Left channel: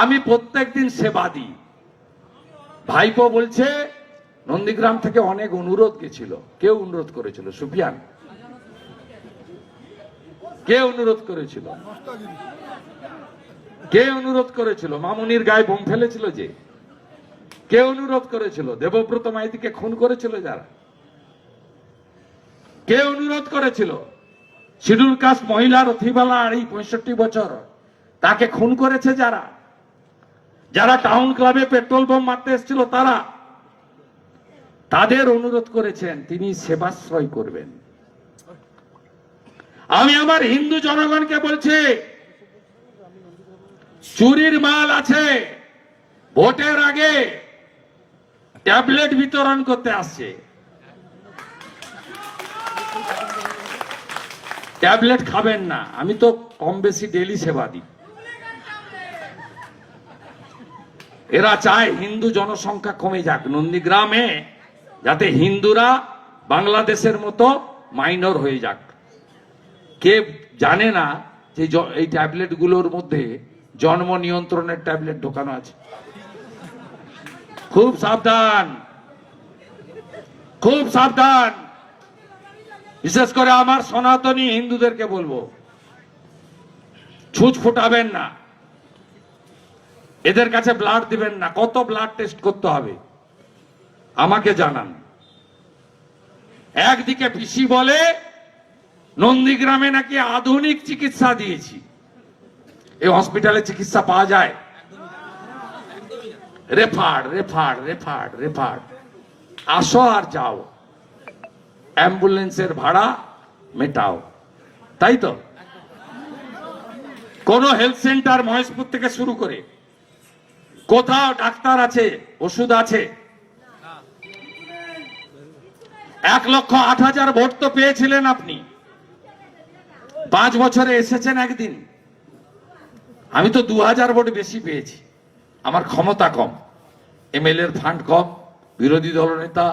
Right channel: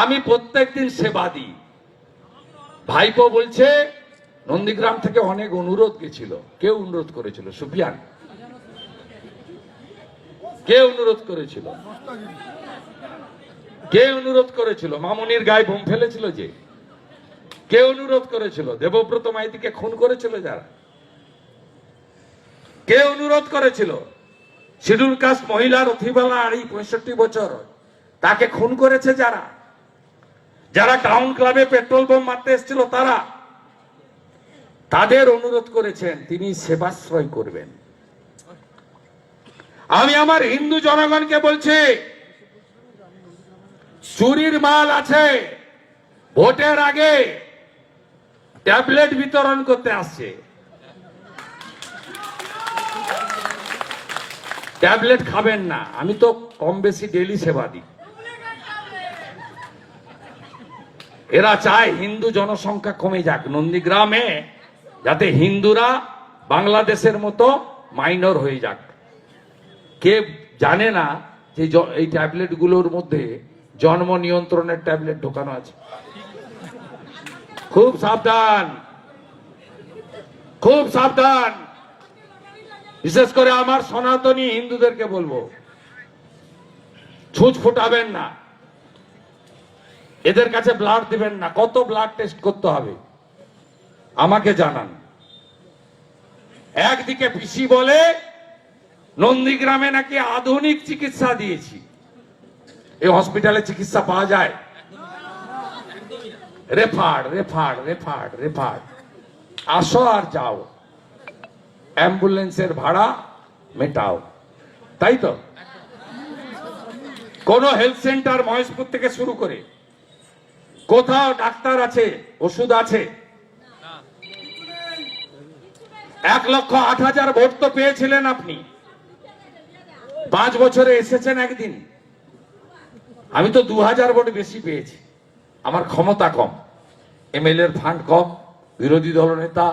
আমি প্রত্যেকদিন সেবা দিই। ভাইপো বলছে নন্দীগ্রাম থেকে অনেক অনুরোধ গেছিল। কেউ অনুরোধ করেছিল? সুফিয়ান কে অনুরোধ করেছিল? কে অনুরোধ করেছিল? মামুনির গায়ে বোম ফেলেছিল যে? কে অনুরোধ করেছিল? দেবব্রত মাইতিকে খুন করেছিল যারা? কে অনুরোধ করেছিল? শিডিউল কাস্ট মহিলা রথিবালা 65 বছর, তাকে খুন করেছে যারা? যারা টাউন ক্লাবে পেট্রোল বোম মারতে এসেছিল তারা, তাদের অনুরোধ করেছেন তিনি সেবাশ্রয় করবেন। আমি আমার হিন্দু জনগণকে বলছি, চুরির মাল আছে, ভোটের আগে ট্যাবলেট বিতরণ করতে আসছে। ট্যাবলেট খাবেন না। আমি তো কম বেশি ডেলি সেবা দিই। এরা চায় হিন্দু জনসংখ্যা কমে যাক নন্দীগ্রামে, যাতে হিন্দুরা বাংলাদেশের মতো মাইনর হয়ে যাক। কে জানে না যে এই ট্যাবলেট গুলোর মধ্যে জন্ম নিয়ন্ত্রণের ট্যাবলেট ঢোকানো আছে? খুব সাবধান, খুব সাবধান। বিশেষ করে আমার সনাতনী হিন্দুদেরকে বলবো, ছুঁচ ফুটাবেন না, এদের কাছে ব্লাড দিবেন না। কত ব্লাড টেস্ট করতে হবে আমাকে জানান। একদিকে পিসি বলে নন্দীগ্রামে নাকি আধুনিক চিকিৎসা দিয়েছি। এই হসপিটালে চিকিৎসা পাওয়া যায়? Referred referred referred referred. আসো আর যাও, অ্যাম্বুলেন্সের ভাড়া মেটাও, তাই তো? কোন হেলথ সেন্টার মহেশপুর থেকে শুরু করে কোথাও ডাক্তার আছে, ওষুধ আছে? 1,08,000 ভোট তো পেয়েছিলেন আপনি, 5 বছরে এসেছেন একদিন। আমি তো 2,000 ভোট বেশি পেয়েছি। আমার ক্ষমতা কম, এমএলএর ফান্ড কম, বিরোধী দলনেতা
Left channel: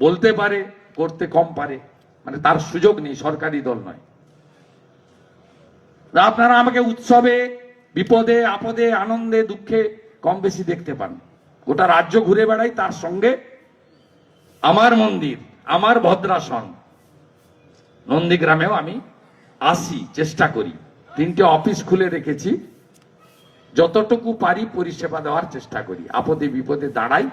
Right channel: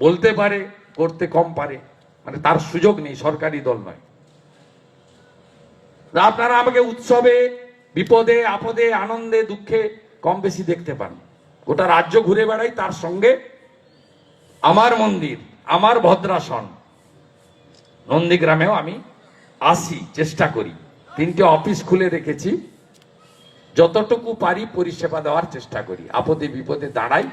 বলতে পারে, করতে কম পারে, মানে তার সুযোগ নেই, সরকারি দল নয়। আপনারা আমাকে উৎসবে, বিপদে, আপদে, আনন্দে, দুঃখে কম বেশি দেখতে পান। গোটা রাজ্য ঘুরে বেড়াই, তার সঙ্গে আমার মন্দির, আমার ভদ্রাসন নন্দীগ্রামেও আমি আসি, চেষ্টা করি। 3টে অফিস খুলে রেখেছি, যতটুকু পারি পরিষেবা দেওয়ার চেষ্টা করি, আপদে বিপদে দাঁড়াই।